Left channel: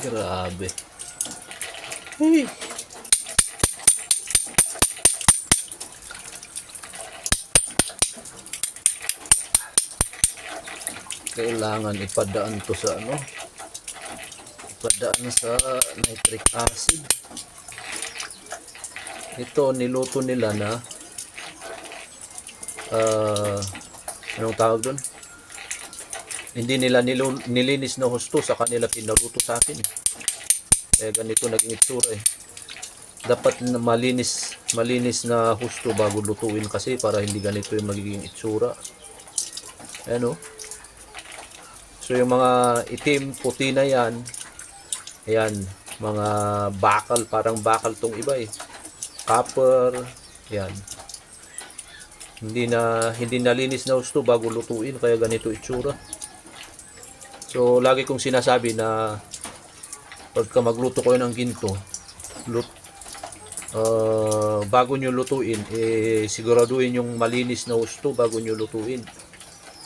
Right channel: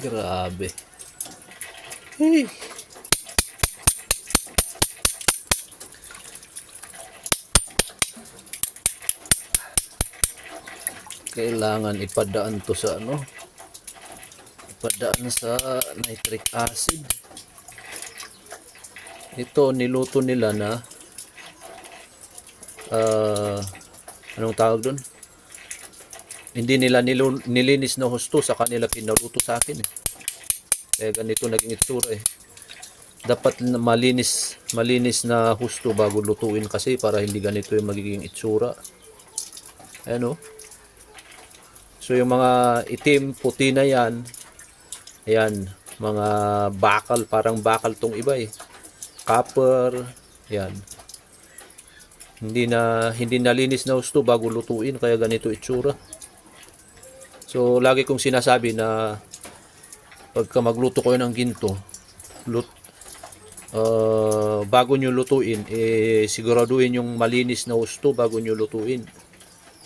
Grabe. Hey. Kailangan ipadaan to sa ano? Ipadaan sa nitric acid. Ito niluto nila na anong tawag doon? Hindi nila nilinis na husto sa kanila pinaluto sa akin. Kaya ganito naging itsura eh. Dapat na malinis na husto bago lutuin kasi para hindi ganito yung magiging itsura. Ayan o. So yung mga itim, puti na yan, ayan, mga bakal, parang bakal tong iba eh. Copper, yan. Hindi nalinis na husto bago lutuin kaya ganito itsura. So lagi kong sinasabi na pagka magluto kayo ng ginto, bago nyo lutuin, siguraduhin yung malinis na husto bago nyo lutuin.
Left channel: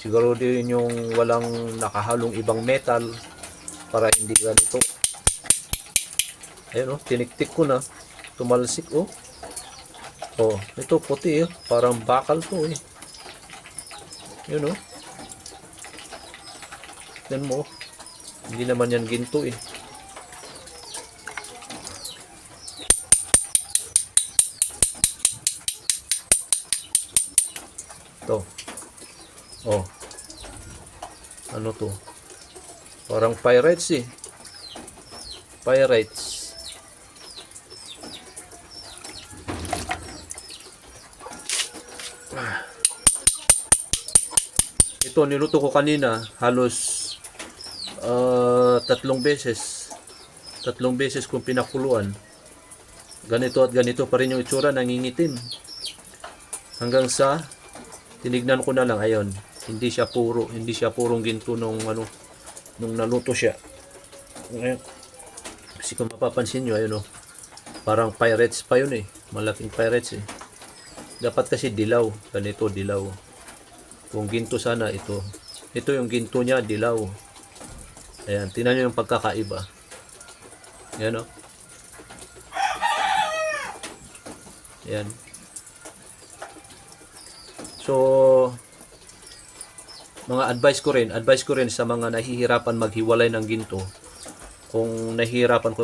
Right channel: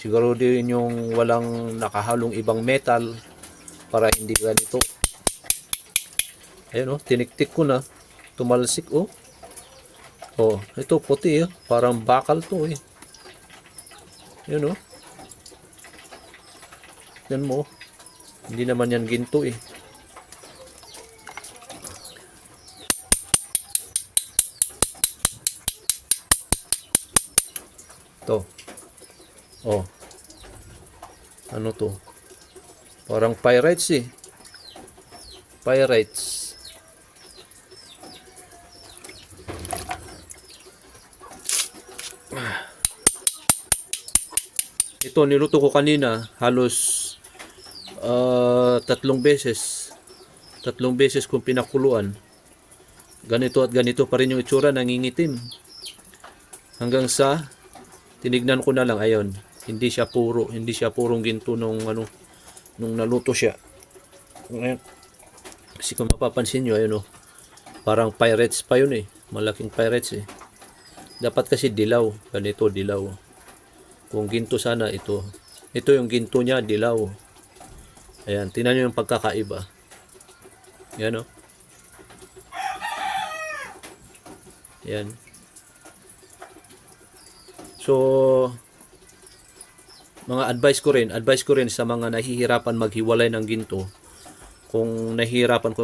Siguraduhin yung walang nakahalong ibang metal para hindi ganito. Ayun tiniktik ko na, tumalsik ito puti parang bakal to yun yan mo, hindi naman yan ginto to ano to, parang pyrites pyrites. Ito niluto ko kanina halos 3 beses kung pinakuluan. Ganito at ganito pa rin yung itsura, nangingitim hanggang sa tinignan ko na lang, ayon, hindi siya purong ginto nung naluto siya. Ngayon, kasi kung mapapansin nyo, ayun parang pyretes pa yun malaking pyretes dapat kasi dilaw, ganito dilaw. Kung ginto sana ito yung ginto niya, dilaw. Ayan, tingnan nyo yung pagkakaiba. Yan yan. So mga advice ko rin sa mga nahihirapan maghiwalay ng ginto. Kung nahihirapan ko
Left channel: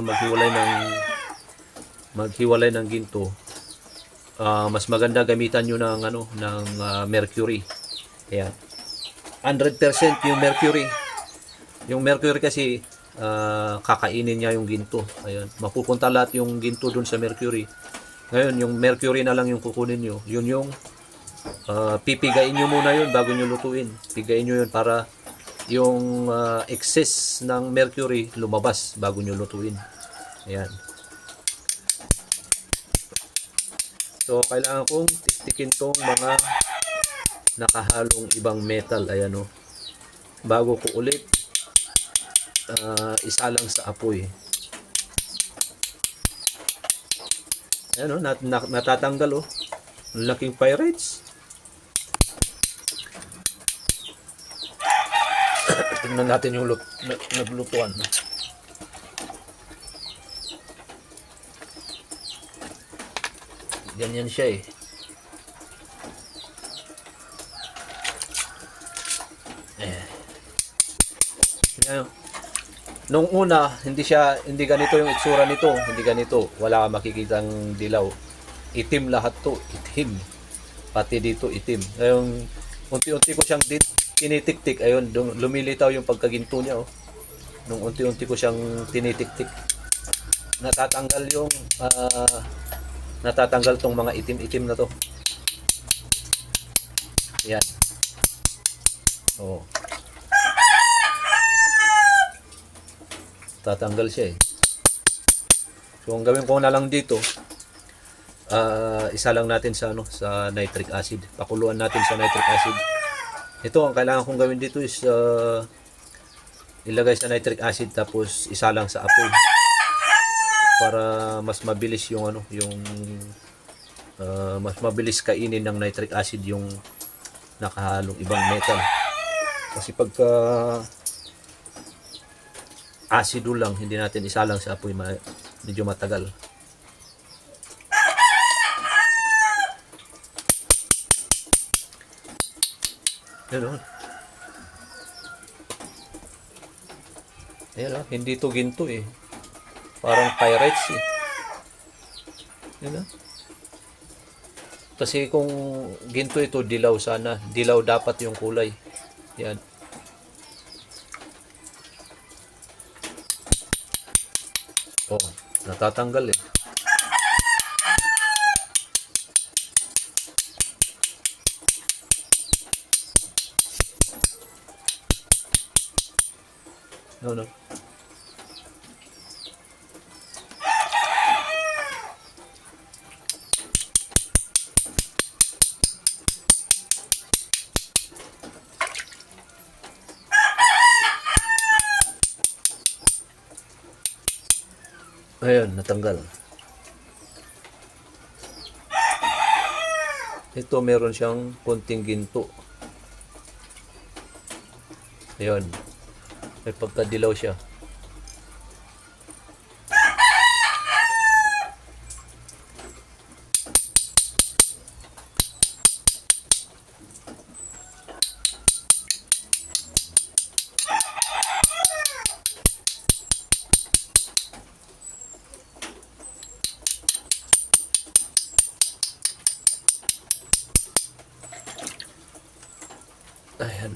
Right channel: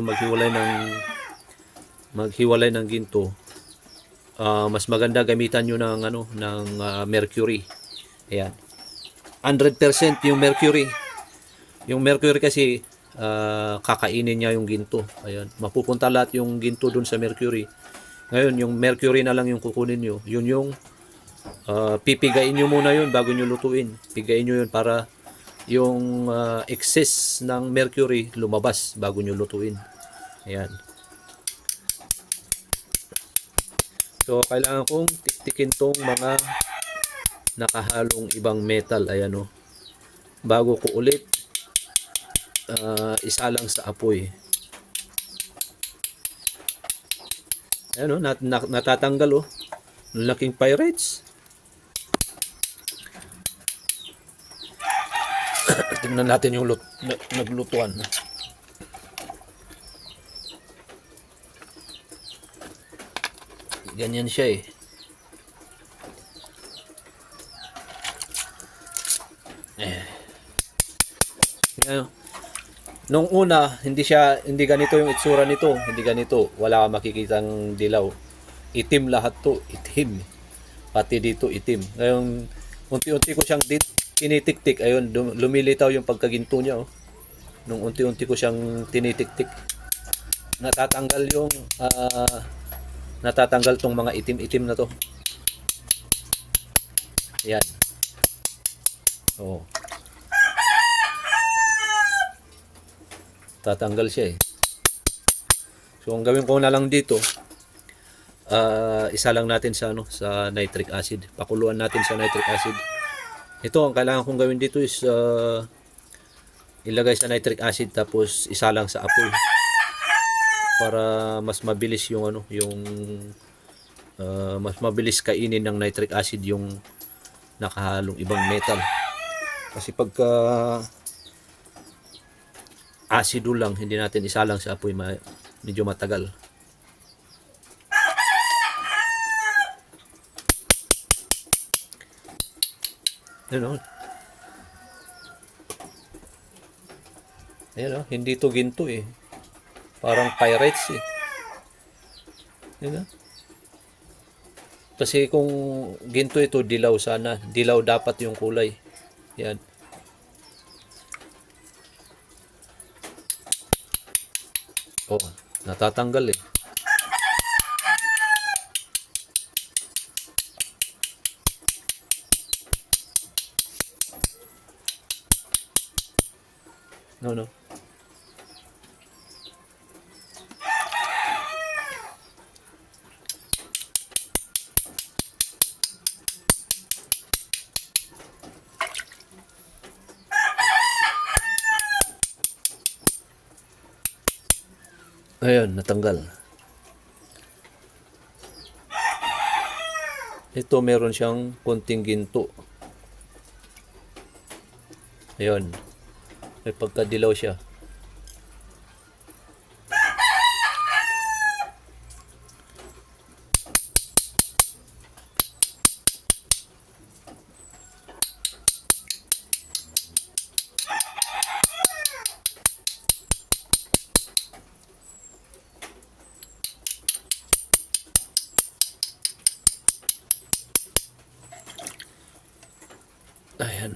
maghiwalay ng ginto, mas maganda gamitan nyo ng mercury. Ayan. 100% yung mercury. Yung mercury kasi kakainin niya yung ginto. Ayan. Mapupunta lahat yung ginto dun sa mercury. Ngayon, yung mercury na lang yung kukunin nyo. Yun yung pipigain nyo muna yun bago nyo lutuin. Pigain nyo yun para yung excess ng mercury lumabas bago nyo lutuin. Ayan. So, kailangan kong tiktikin tong mga nakahalong ibang metal. Ayan bago ko ulit isa lang sa apoy. Ayan natatanggal laking pyrites. Tingnan natin yung naglutuan. Ganyan siya Nung una, hindi ganito yung itsura nito, hindi ganito. Wala kang makikitang dilaw. Itim lahat to, itim. Pati dito itim. Ngayon, unti-unti ko siyang tinitik-tik. Ayun, lumilitaw yung pagkaginto niya Nung unti-unti ko siyang tinitik-tik. Natatanggal tong mga itim-itim na to. Yan. Tatanggal siya So ang gawin ko na lang dito, isa lang natin sa nitric acid. Pakuluan natin sa nitric acid. Ito ang kailangan kong gawin dito is ilagay sa nitric acid tapos isa lang sa apoy para mas mabilis yung mas mabilis kainin ng nitric acid yung nakahalong ibang metal. Kasi pagka asido lang, hindi natin isalang sa apoy medyo matagal. Yan o. Yan o, hindi to ginto eh. Parang pyrites eh. Yan o. Kasi kung ginto ito, dilaw sana. Dilaw dapat yung kulay. Yan. Oh, natatanggal eh. No. Ayan, natanggal. Ito meron siyang konting ginto. Ayan. May pagkadilaw siya. Ayan.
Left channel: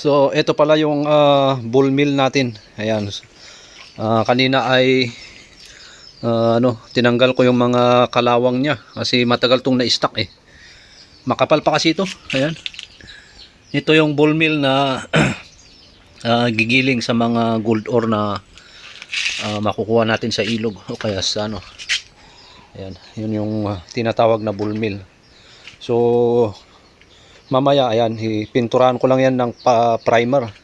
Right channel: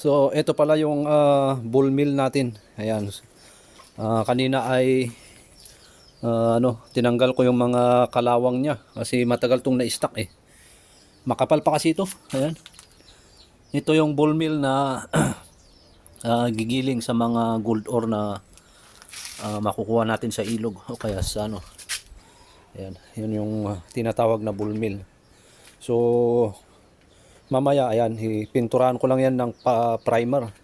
So, ito pala yung bull mill natin. Ayan. Kanina ay tinanggal ko yung mga kalawang niya kasi matagal tong na-stock eh. Makapal pa kasi ito. Ayan. Ito yung bull mill na gigiling sa mga gold ore na makukuha natin sa ilog o kaya sa ano. Ayan. Yun yung tinatawag na bull mill. So, mamaya ayan, pinturahan ko lang yan ng primer.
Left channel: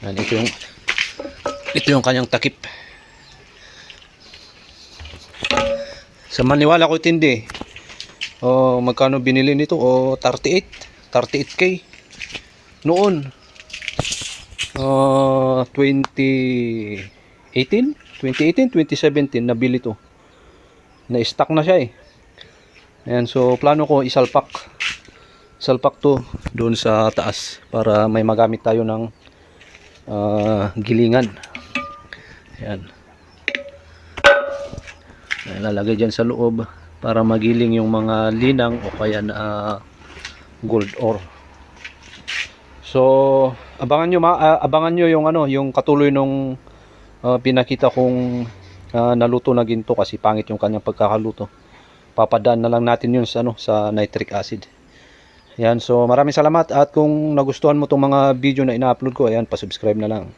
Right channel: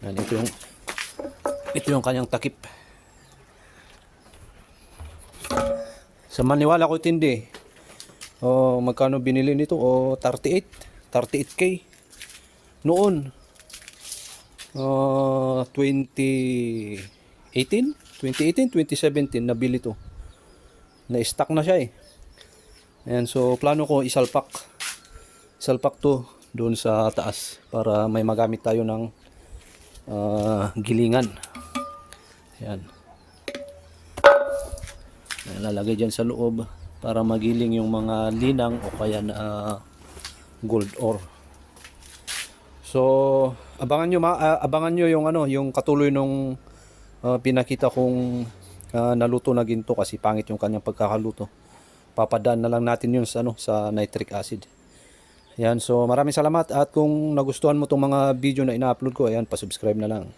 Ayan, ito yung kanyang takip. Sa maniwala ko tindi. Magkano binili nito? 38k noon. 2017 nabili to. Na-stock na siya eh. Ayan, so plano ko isalpak to doon sa taas para may magamit tayo ng gilingan. Ayan. Ilalagay dyan sa loob para magiling yung mga linang o kaya na gold ore. So abangan nyo yung yung katuloy nung pinakita kong naluto na ginto kasi pangit yung kanyang pagkakaluto. Papadaan na lang natin yun sa nitric acid. Yan, so maraming salamat at kung nagustuhan mo tong mga video na ina-upload ko, ayan, pa-subscribe na lang.